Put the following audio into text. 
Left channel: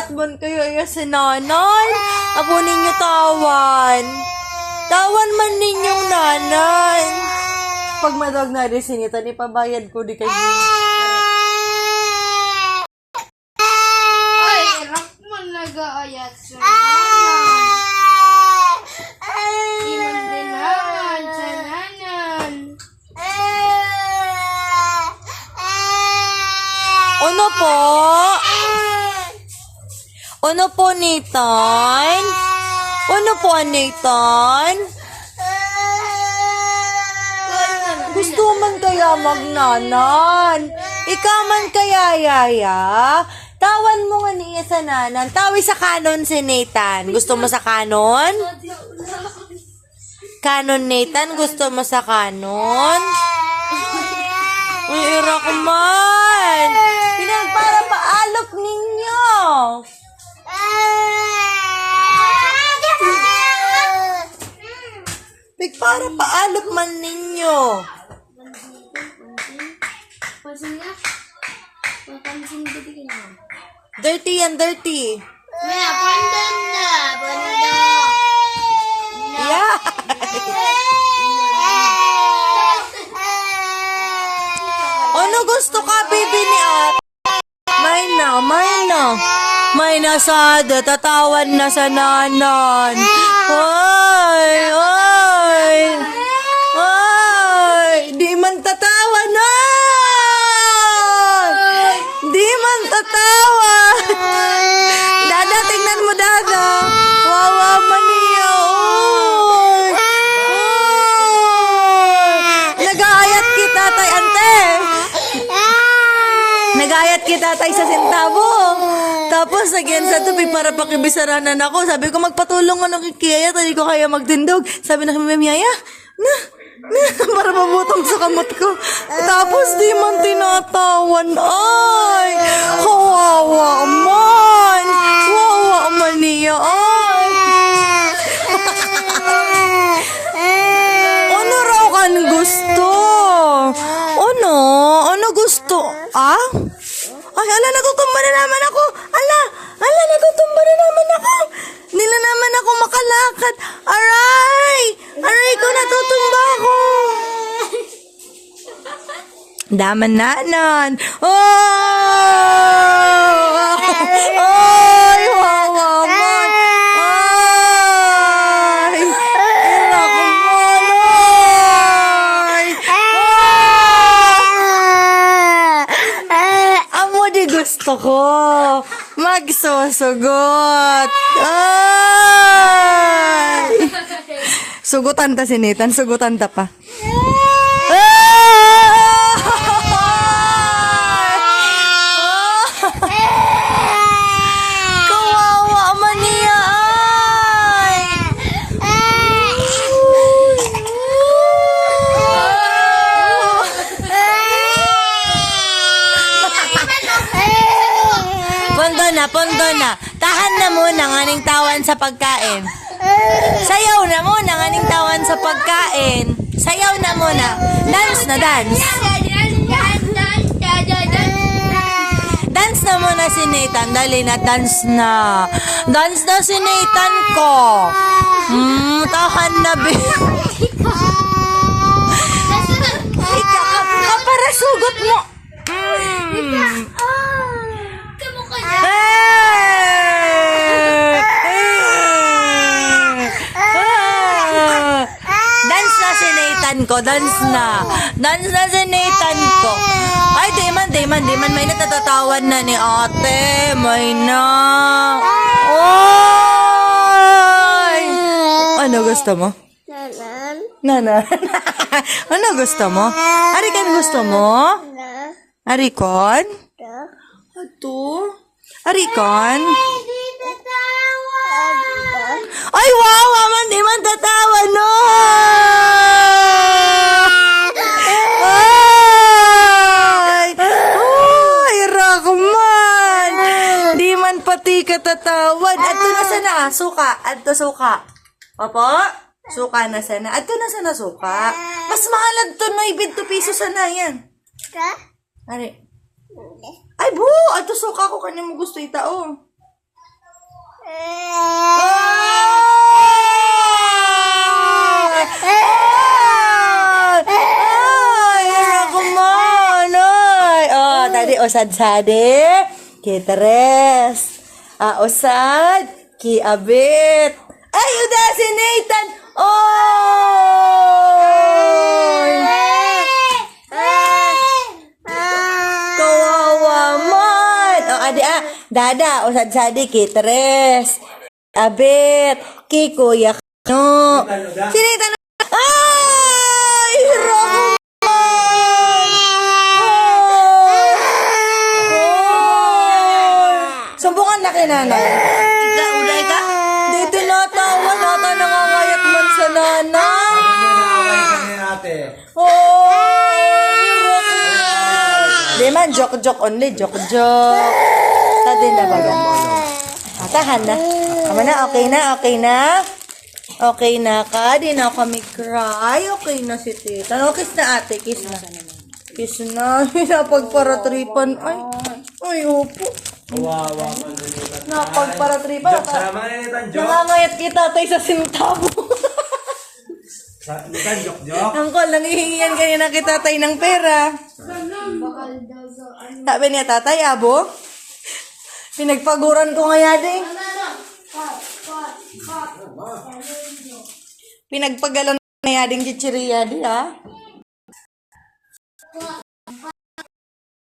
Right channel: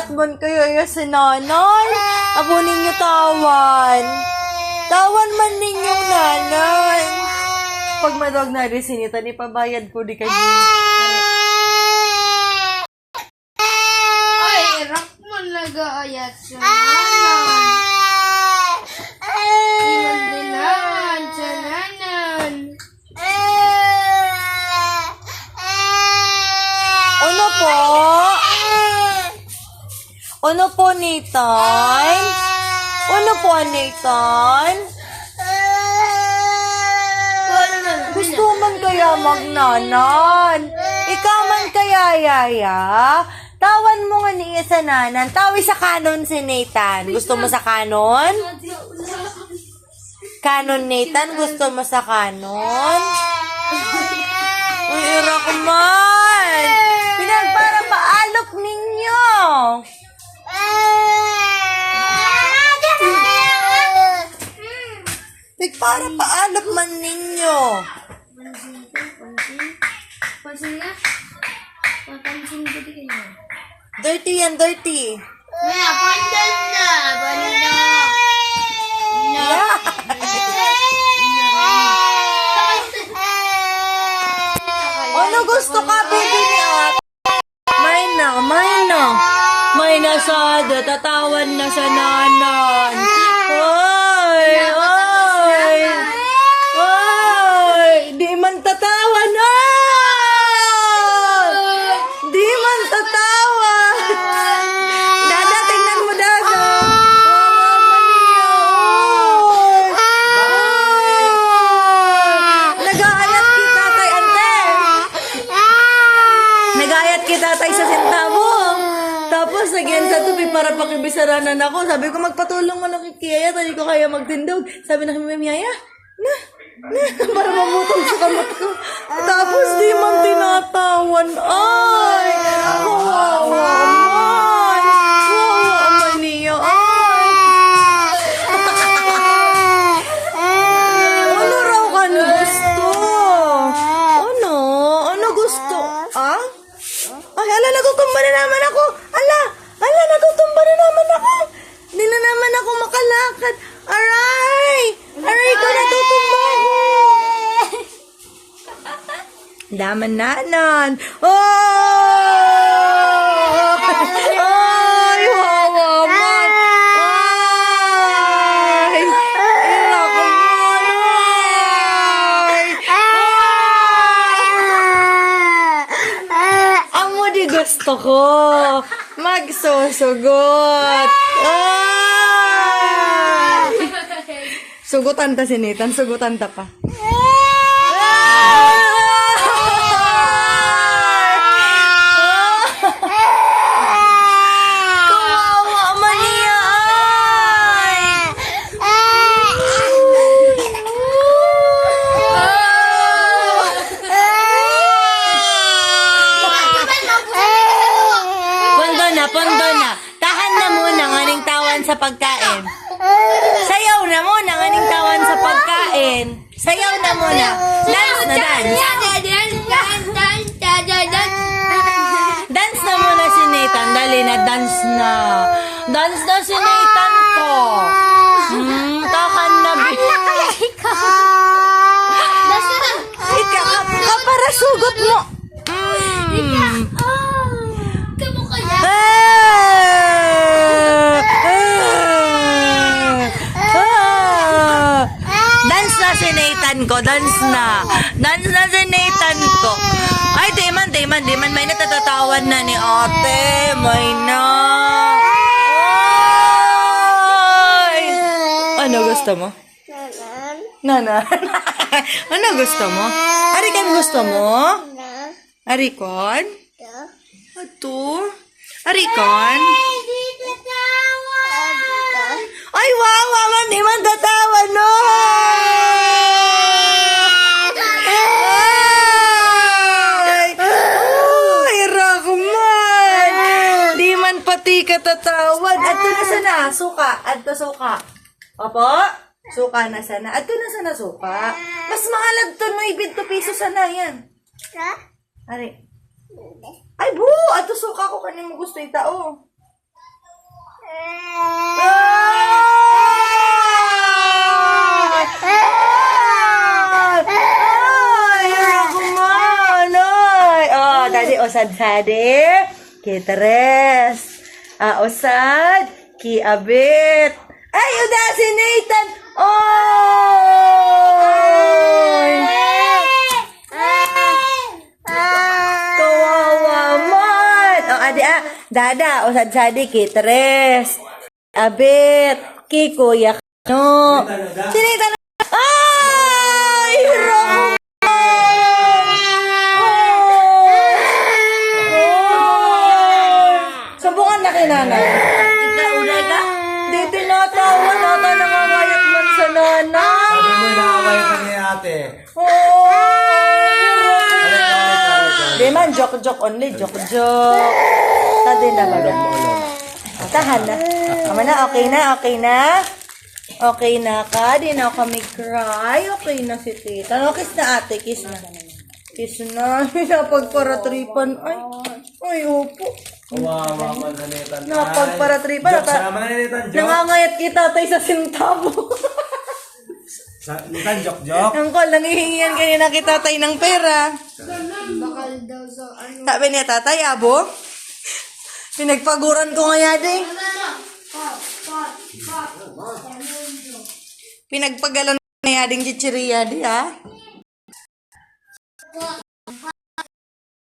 Nagayat man kayo iya si nanay. Apo ninyo tawan. Tawan man ninyong nanay. Pag madawag na rin sinita, ipabayad ko di kayo. Ay, irak mo nag-aayat sa nanan. Inandinan sa nanan. Ano po? Ano po, Nathan? Ano po, Nathan? Gusto man kaya magnanan? Ikaw man kaya, Yaya? Tawan mo nga niya sa nanan. Tawi sa kanon si Nathan. Gusto mo sa kanon? Kanon, Nathan? Gusto mo sa kanon? Uy, irak man! Pinagpara paalok ninyo! Para paalap man ninyo. Pansin nga? Pansin ko di kayo. Dirty yan, dirty. Maya, pandan na. Banda. Yeah. Ano gusto ka, baby ni Ate? May na. May nasada, tatawan na sa nanan. Di man tatawa na! Di man tatawa! Dada, tingnan mo, Dada! Wawa man niya! Nag-aayat kita, tay, ante! Nag-aayat kita, tay, sa sentabo! Tapos, again, sa tupi para pakibisaranan ako. Sabi ko, magpatulong ko ng kikiyaya, hindi ko kaya magtindog. Sabi na kami, Miyaya, para mamutong sa kamot ko. Tapos di man tinatawan. Ay! Kawawa man! Kawawa man niya. Ano raw ka na gusto? Ano? Ano gusto? Ah? Ay, ala, natutumba na naman ako. Ala, natutumba na naman ako. Nila naman ako makalakad. Aray! Aray ko, natutumba ako. Daman nanon. Oh! Ay, wawa man. Ay! Ira ko man. Ay! Amo di gusto ko. Magsusugot. Ay! Sugutan ta si Nathan. Sugutan ta pa. Pondona, tahan na muna ng aning tawan sa pagkain. Sayaw na muna ng aning tawan sa pagkain. Sayaw na muna. Dance na dance. Dance na muna si Nathan. Dali na, dance na. Dance na si Nathan ko. Tahan na, baby. Ika, para sugot mo. Dance na si Nathan ko, dance na. Dance na si Nathan ko. Ay, di man. May natatatawan na ni ate. May na. Ay! Ano gusto mo? Nanan. Ano gusto mo? Arikan gusto mo? Arikon? Ito? Arikon? Ay, wow! Aman, di man tatawa, no! Ay, Rockman! Di man pati katatawad. Ato na sana, suka. Ato suka. Opo? Suka na sana. Ato na sana suka. Mas mahalad to no, 20 peso sana yan. Ari. Ay, bu! Ato suka ko kanin mo gusto itao. Tadi osad sade, ki tres. Osad, ki abit. Ay, udah si Nathan. Oh! Kawawa man. Adi dada osad sade, ki tres. Abit, ki kuya no. Si Nathan. Ay, hirap. Sambungan na kay nanay. Di tinatawa, nangangayat man sa nanay. Sabi mo na away kami ate. Di man, joke only, joke. Tadi na ba yan? Tahan na. Tama na, okay na. Okay na ka, di na kami cry. Okay na si tita. No, kiss na ate, kiss na. Kiss na. Napagparatripan. Ay, upo. Kawawa ka nanitan. Napagparatripan. Sama nanitan, joke. Nangangayat kita tayo sa sintabo. Nitan, joke. Angkol, nangihingian kanina kita tayo ng pera. Bakal daw sa ano. Sabi niya, tatay, abo. Pinagpaguran ko nga din. Pinagpagalan nga ding chichiriya di, ha?